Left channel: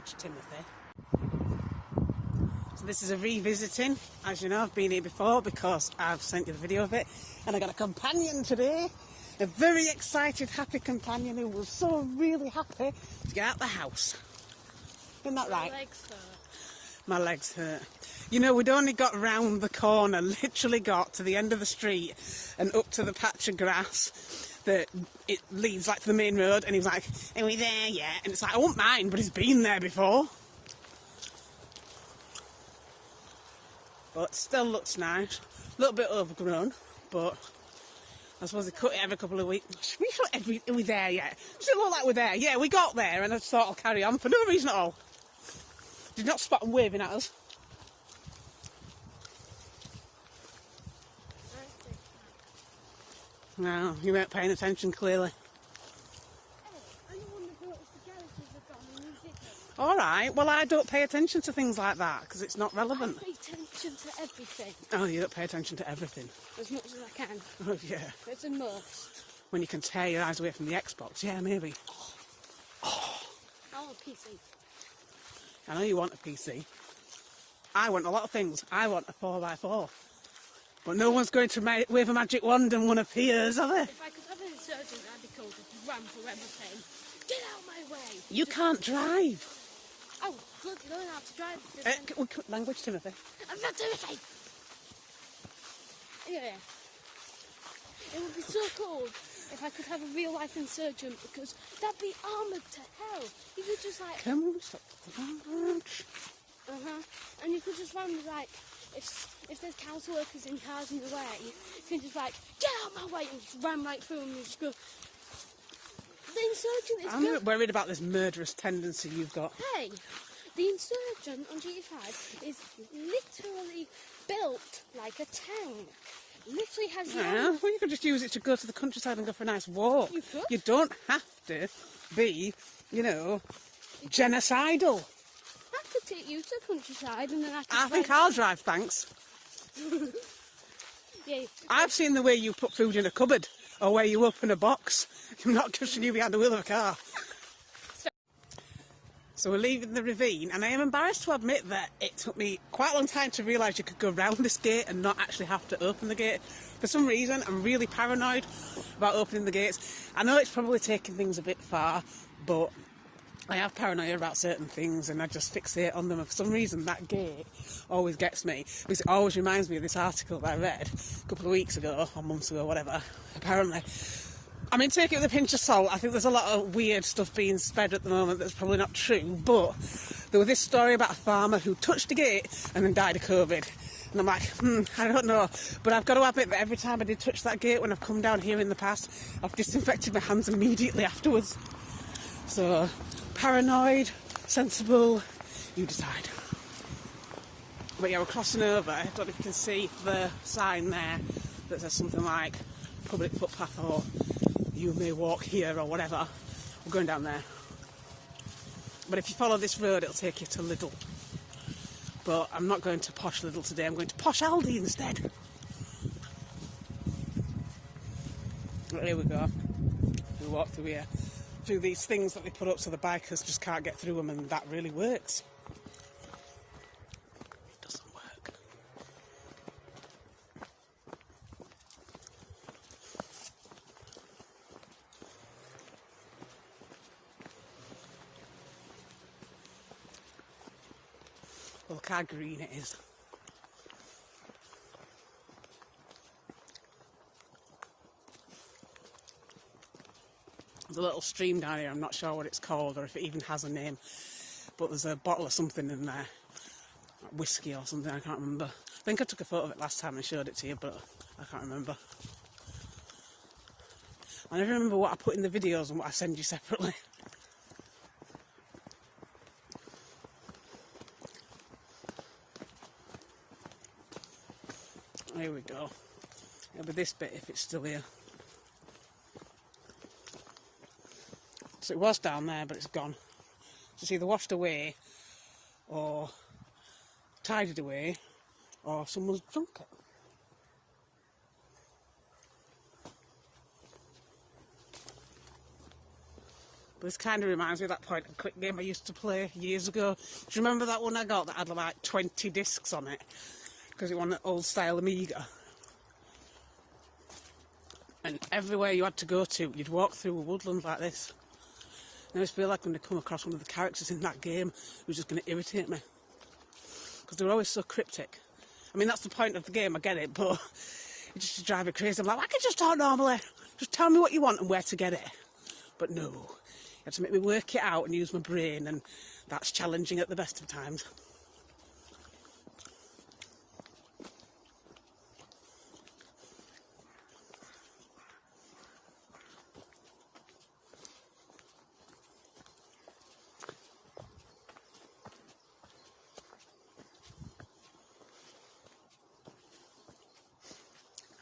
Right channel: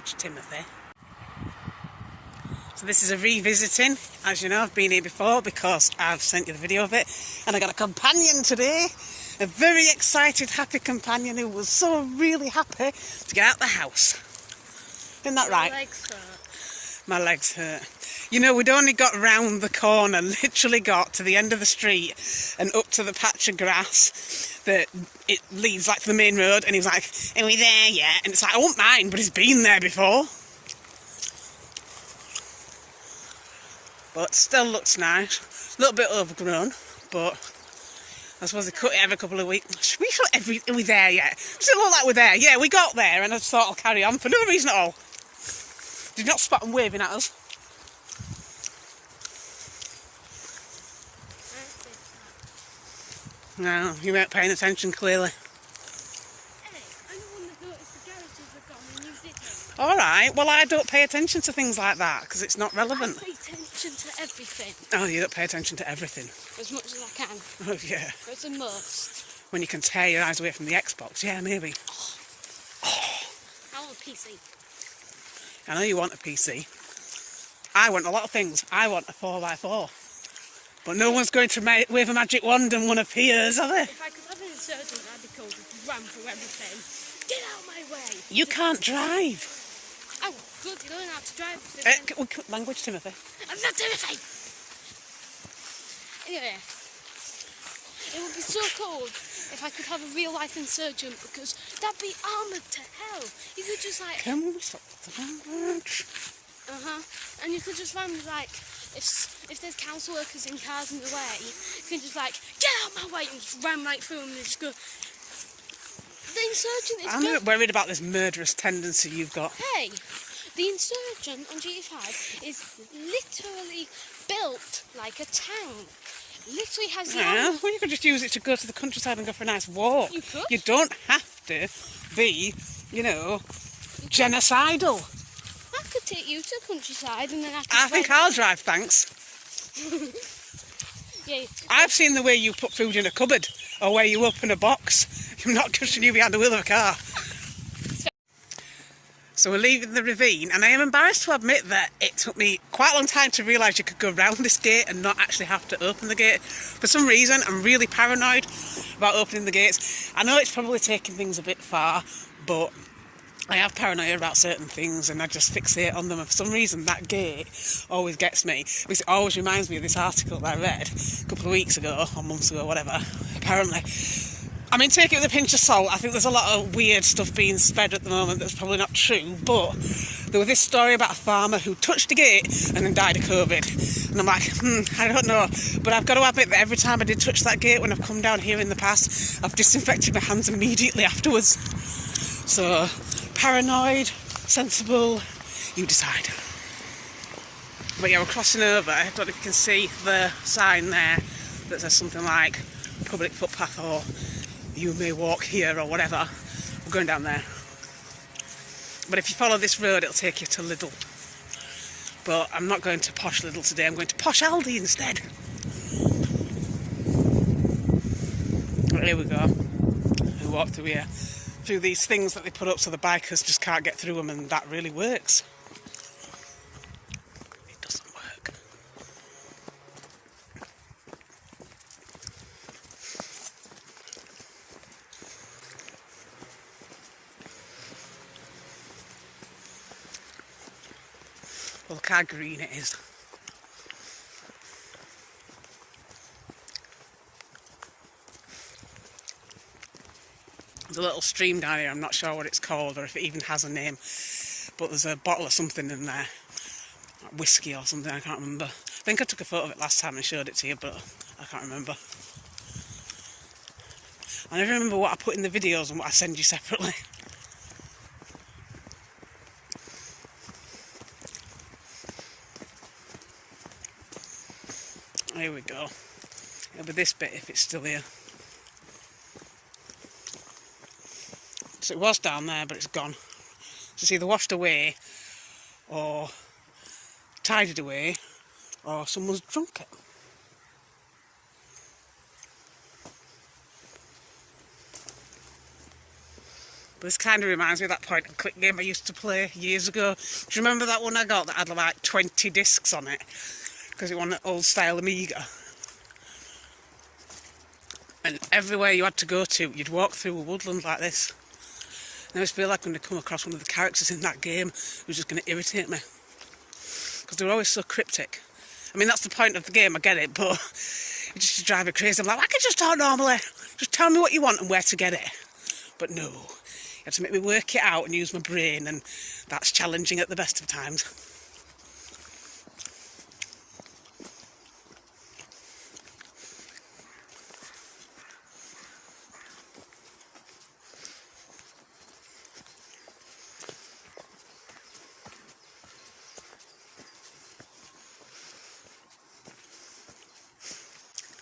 language, Timothy. So this is a revisiting. As you know, I've been here before because I've sent you the video of it, and I got a companion today, a very excited, happy companion who was so really happy to get out the house. Isn't that right? My legs hurt. My legs hurt. You know, we'd only got round the corner, literally got to the end of the street and up to the patch of grass that it leads like to the main road, and he was like, "Are we there yet?" And it's like, I won't mind, but he's been there before. But still looks nice. A little bit overgrown, but I suppose they cut it every couple of weeks. Are we there yet? Does it look like we're there? Yeah, we got there, and I just thought I'll carry on for no reason at all. Did not spot them waving at us. No, you weren't paying attention clearly. Hey, I'm the one that noticed the garages were gone and you didn't. Alright, well I don't pay attention to things like that because it's not relevant. I pay attention to everything. Oh, you don't pay attention to everything. As much as I can. Oh yeah. As a must. When you can tear your eyes away from the Xbox, yeah, maybe. I want a PC. I know you want a PC. I want a lot of things. I want a 4x4. But no one's going to wave a magic wand and one appears, are they? If I could have an insurgent, I'd be told to run for everything. Get out of my way. You can't drive. Oh, good, you learn how to drive. Language, Timothy. I'm not Timothy. Anyway, it would be so cool if I could have a real life insurgent, because that'd be armoured to hell. You could just like... Can we stop the language? And you could just run like, if there's council workers in cars in the way, you can just like, get out my way, and just ram right through them and just go. The insurgent is I'm a bit worried about this murderous tendency you've got. Hey, the insurgent on GT5 is literally built like a tank. Literally has Yeah, well you could just use it to go to the countryside and go for a nice walk. You could. You don't have to be, you know, genocidal. I could take you to the countryside and then I think I'll drive, thanks. Yeah. I've seen the way you put food in a cupboard or where you open a box. I'm not pushing you behind the wheel of a car. So we're leaving the ravine, and I am embarrassed to admit that it took me quite a long time to realise you could go round this gate and not actually have to open the gate. For some reason, I'm really paranoid about opening the gates. I know it's probably taking things a bit far, but I have paranoia about certain things and I just fixate on them. And for some reason, that gate always gets me, because it always reminds me of this article that I read a couple of weeks ago, or months ago, whatever, apparently. I mean, take it with a pinch of salt. I think there's a lot of weird stuff being spread at the moment that's probably not true, but there was this story about a farmer who touched the gate and then died of COVID. And I'm like, I don't know. But I've got to admit that every time I did touch that gate when I've come down here in the past, I've disinfected my hands immediately afterwards. So, paranoid, sensible, you decide. But yeah, we're crossing over. I don't know if you can see the sign there that says something like public footpath or you may walk here or whatever. We're going down there. But if you follow this road, it'll take you to Lidl. But I'm not going to posh Lidl today, I'm going to posh Aldi instead. But here we go. We walk through here, through these things that they put up so the bikers just can't get through them, and that really works. It doesn't work. Well, look how green it is. There's a little stream down here, I'm not sure what it's called or if it even has a name, but there's a bottle of something in there, like whiskey or something, I can't remember. I think I took a photo of it last time and showed it to you, but I can't remember. I never remember what I put in the videos and what I send you separately. Here we go. It'll be this bit if it's still here. So it was down there, but it's gone. So it's either washed away, or tidied away, or someone's drunk it. But this kind of reminds me of that point and click game I used to play years ago. Do you remember that one I got that had like 20 discs on it? Because it was an old style Amiga. And everywhere you had to go to, you'd walk through a woodland like this. And I always feel like I'm going to come across one of the characters in that game who's just going to irritate me. Because they're always so cryptic. I mean, that's the point of the game, I get it, but it just drives me crazy. I'm like, I can just talk normally. Just tell me what you want and where to get it. But no, you have to make me work it out and use my brain, and that's challenging at the best of times.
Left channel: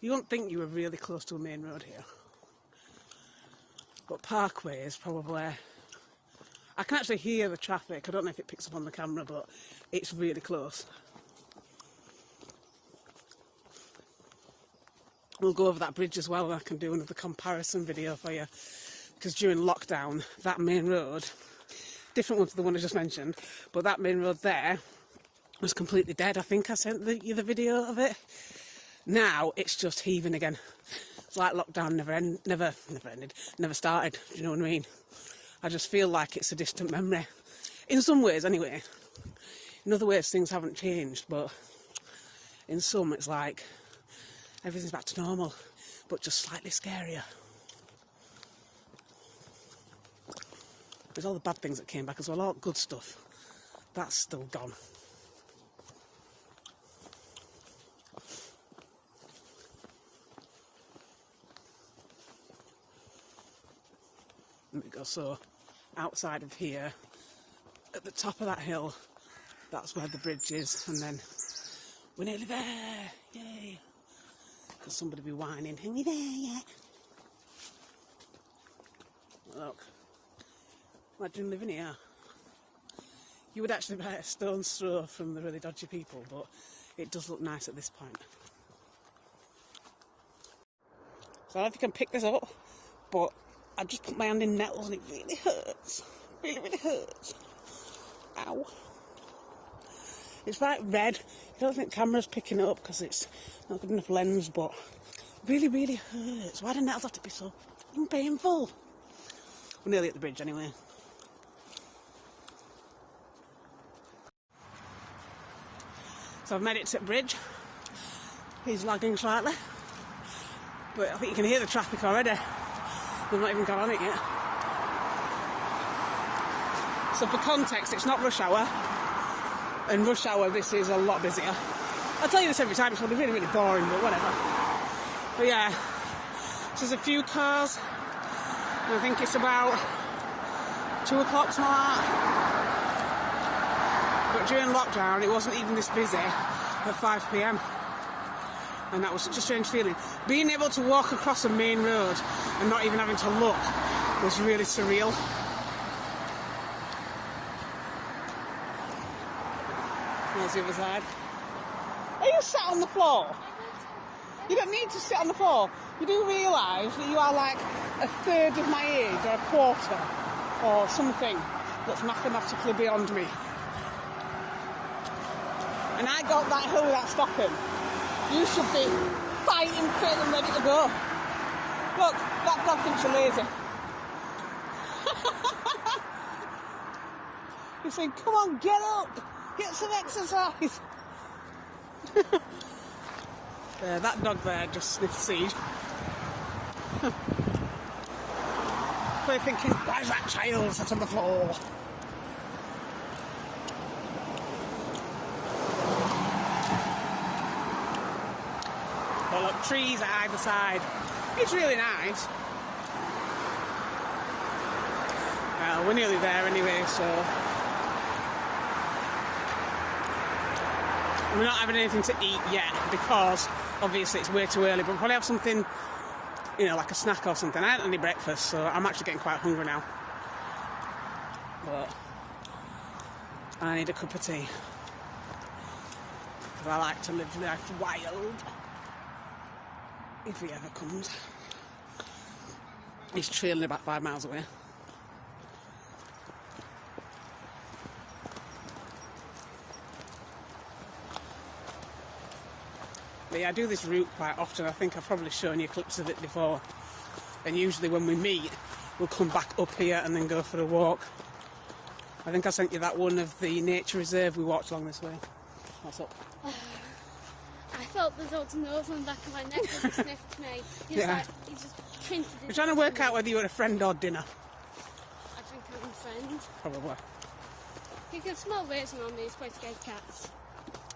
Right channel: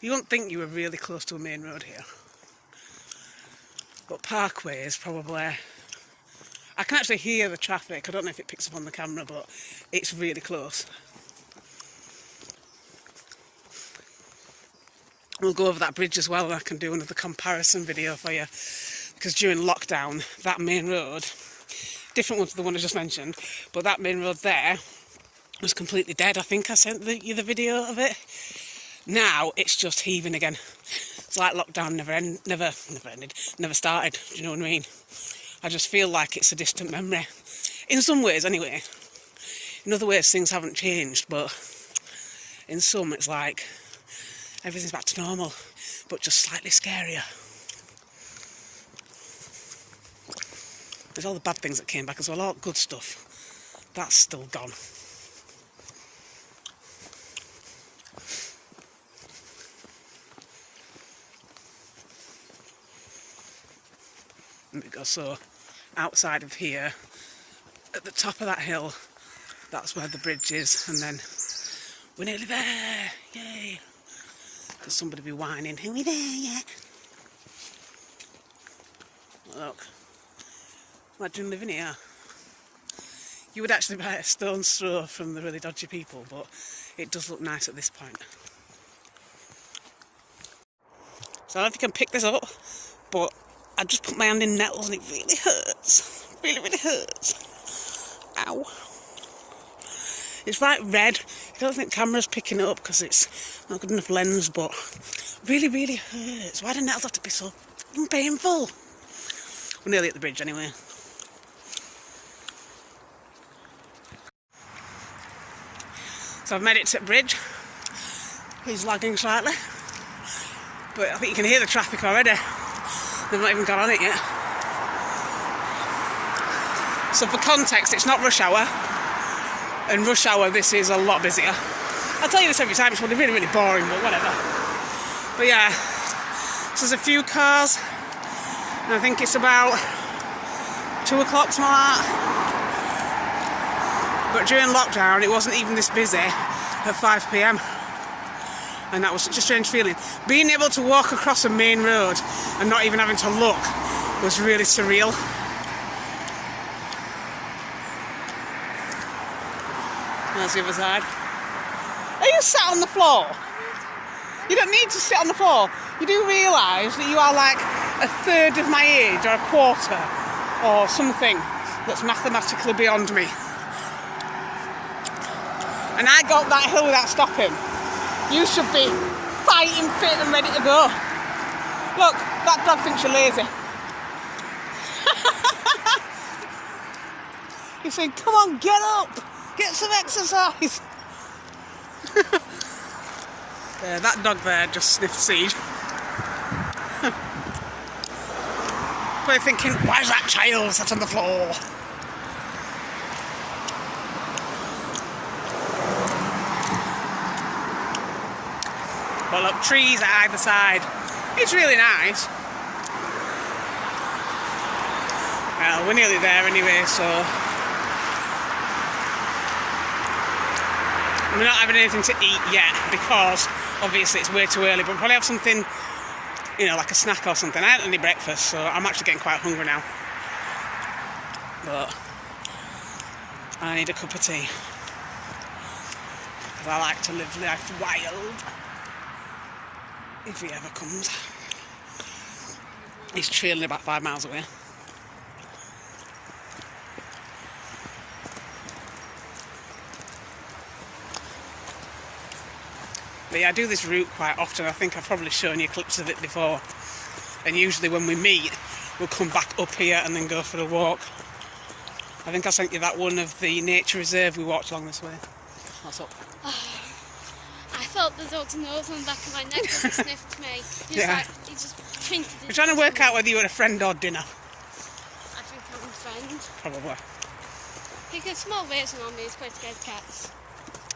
You wouldn't think you were really close to a main road here. But Parkway is probably... I can actually hear the traffic. I don't know if it picks up on the camera, but it's really close. We'll go over that bridge as well, and I can do another comparison video for you. Because during lockdown, that main road, different one to the one I just mentioned, but that main road there was completely dead. I think I sent you the video of it. Now it's just heaving again. It's like lockdown never started. Do you know what I mean? I just feel like it's a distant memory. In some ways, anyway. In other ways, things haven't changed, but in some, it's like everything's back to normal, but just slightly scarier. There's all the bad things that came back as well, all good stuff. That's still gone. Because so outside of here, at the top of that hill, that's where the bridge is, and then we're nearly there, yay! There's somebody be whining, are we there yet? Look, imagine living here. You would actually buy a stone's throw from the really dodgy people, but it does look nice at this point. So I don't know if you can pick this up, but I just put my hand in nettles and it really hurts. Really, really hurts. Ow. It's right red. I don't think the camera's picking it up because it's not good enough lens, but really, really hurts. Why do nettles have to be so painful? We're nearly at the bridge anyway. So I've made it to the bridge. He's lagging slightly, but I think you can hear the traffic already. They've not even got on it yet. So for context, it's not rush hour. And rush hour, this is a lot busier. I tell you this every time, it's really, really boring, but whatever. But yeah, so there's a few cars. And I think it's about 2 o'clock, something like that. But during lockdown, it wasn't even this busy at 5 p.m. And that was such a strange feeling. Being able to walk across a main road and not even having to look was really surreal. There's the other side. Are you sat on the floor? You don't need to sit on the floor. You do realise that you are like a third of my age or a quarter or something that's mathematically beyond me. And I got that hill without stopping. You should be fighting fit and ready to go. Look, that dog thinks you're lazy. You're saying, come on, get up, get some exercise. There, that dog there just sniffed seed. They're thinking, why is that child sat on the floor? Well, look, trees at either side. It's really nice. Well, we're nearly there anyway, so... We're not having anything to eat yet because, obviously, it's way too early, but we'll probably have something, you know, like a snack or something. I haven't had any breakfast, so I'm actually getting quite hungry now. But I need a cup of tea. Because I like to live life wild. If he ever comes. He's trailing about 5 miles away. But yeah, I do this route quite often. I think I've probably shown you clips of it before. And usually when we meet, we'll come back up here and then go for the walk. I think I sent you that one of the nature reserve we walked along this way. What's up? I felt the dog's nose on the back of my neck as he sniffed me. He was like, he just printed it. We're trying to work out whether you were a friend or dinner. I think I'm a friend. Probably. He can smell raisin on me, he's quite scared of cats.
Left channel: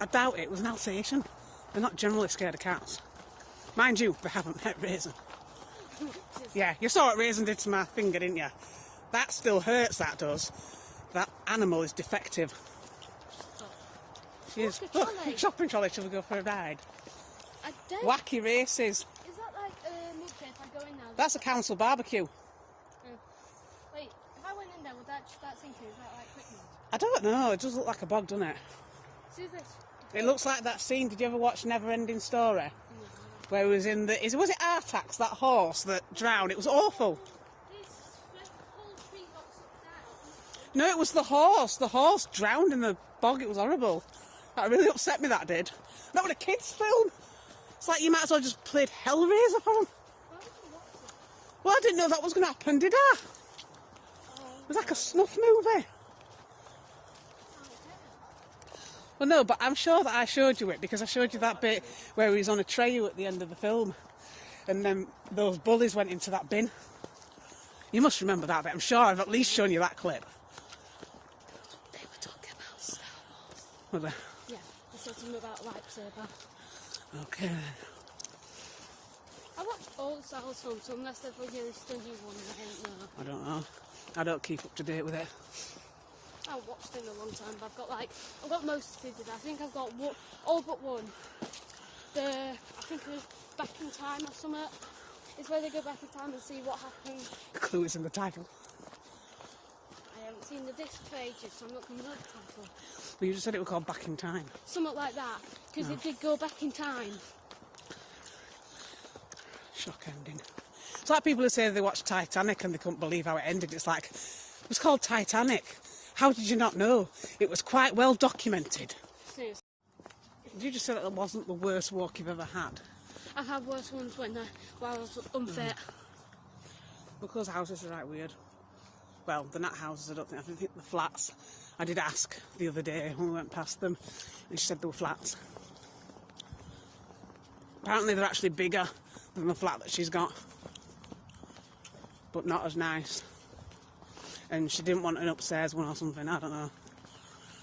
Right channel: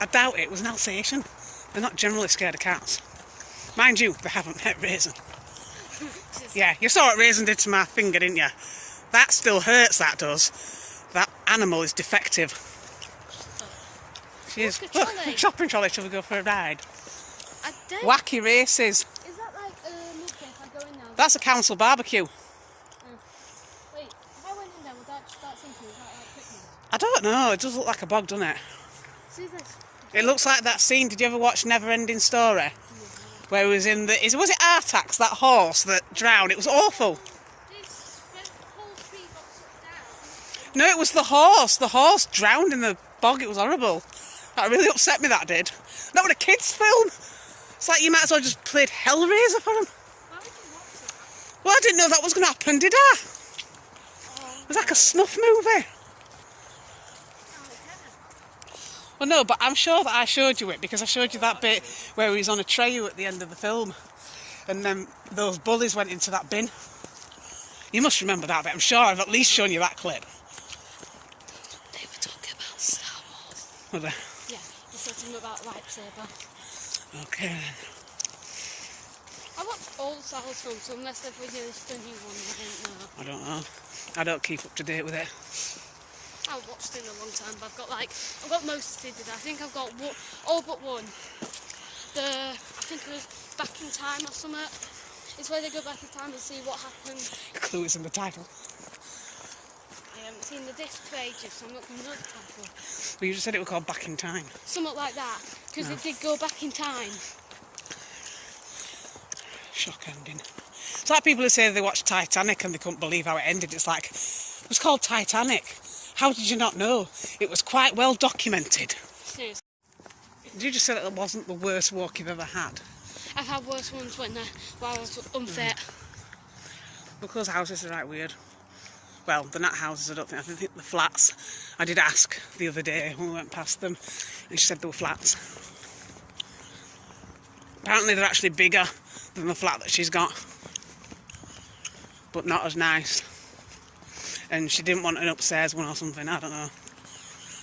I doubt it was an Alsatian. They're not generally scared of cats. Mind you, they haven't met Raisin. Yeah, you saw what Raisin did to my finger, didn't you? That still hurts, that does. That animal is defective. She is. Look, shopping trolley, shall we go for a ride? I did. Wacky races. Is that like a mud pit if I go in there? That's a council barbecue. Wait, if I went in there, would that start sinking? Is that like quick mud? I don't know, it does look like a bog, doesn't it? See this? It looks like that scene, did you ever watch Never Ending Story? Where it was in the, was it Artax, that horse that drowned? It was awful. This whole tree got sucked down. No, it was the horse. The horse drowned in the bog. It was horrible. That really upset me, that did. That was a kids' film. It's like you might as well just played Hellraiser for them. Why would you watch that? Well, I didn't know that was going to happen, did I? It was like a snuff movie. Well, no, but I'm sure that I showed you it because I showed you that bit where he was on a tray at the end of the film and then those bullies went into that bin. You must remember that bit. I'm sure I've at least shown you that clip. They were talking about Star Wars. Were they? Yeah, they said something about a lightsaber. Okay. I watched all the Star Wars films, so unless they've released the new ones, I don't know. I don't know. I don't keep up to date with it. I haven't watched it in a long time, but I've got most of it. I think I've got all but one. I think it was Back in Time or something. It's where they go back in time and see what happened. Clue is in the title. I haven't seen the disc for ages, so I'm not going to know the title. Well, you just said it was called Back in Time. Something like that, because it did go back in time. Shock ending. It's like people who say they watched Titanic and they couldn't believe how it ended. It's like, it was called Titanic. How did you not know? It was quite well documented. Seriously. Did you just say that it wasn't the worst walk you've ever had? I've had worse ones when I was unfit. Because houses are right weird. Well, they're not houses, I don't think. I think the flats. I did ask the other day when we went past them, and she said they were flats. Apparently they're actually bigger than the flat that she's got, but not as nice. And she didn't want an upstairs one or something, I don't know.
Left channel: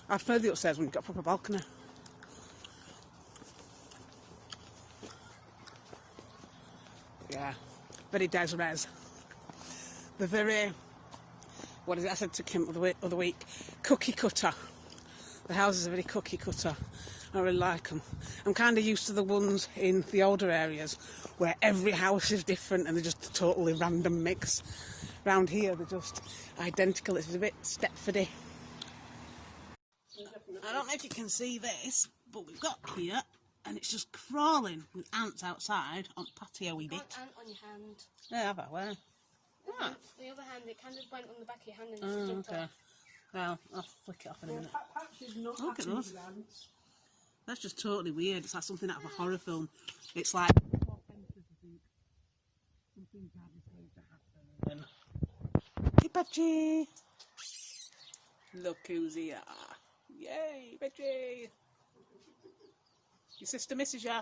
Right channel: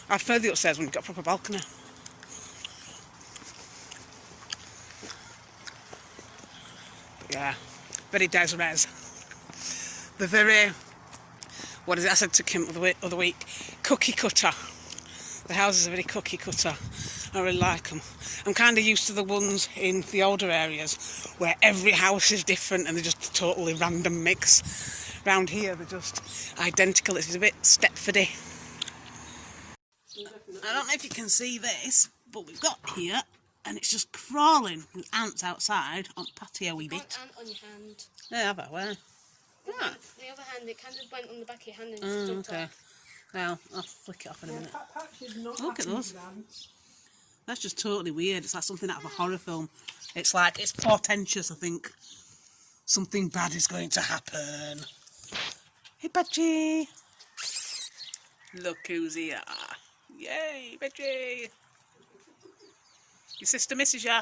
I prefer the upstairs one, you've got a proper balcony. But yeah, very des-res. The very, what is it I said to Kim the other week, cookie cutter. The houses are very cookie cutter. I really like them. I'm kind of used to the ones in the older areas where every house is different and they're just a totally random mix. Round here they're just identical. It's a bit Stepfordy. I don't know if you can see this, but we've got here and it's just crawling with ants outside on patio wee bit. Ant on your hand. Yeah, have I? Where? Yeah. The other hand, it kind of went on the back of your hand and just jumped okay. off. Now, I'll flick it off in a minute. Look at those. That's just totally weird. It's like something out of a horror film. It's like, it's portentous, I think. Something bad is going to happen. Hey, Budgie. Look who's here. Yay, Budgie. Your sister misses ya.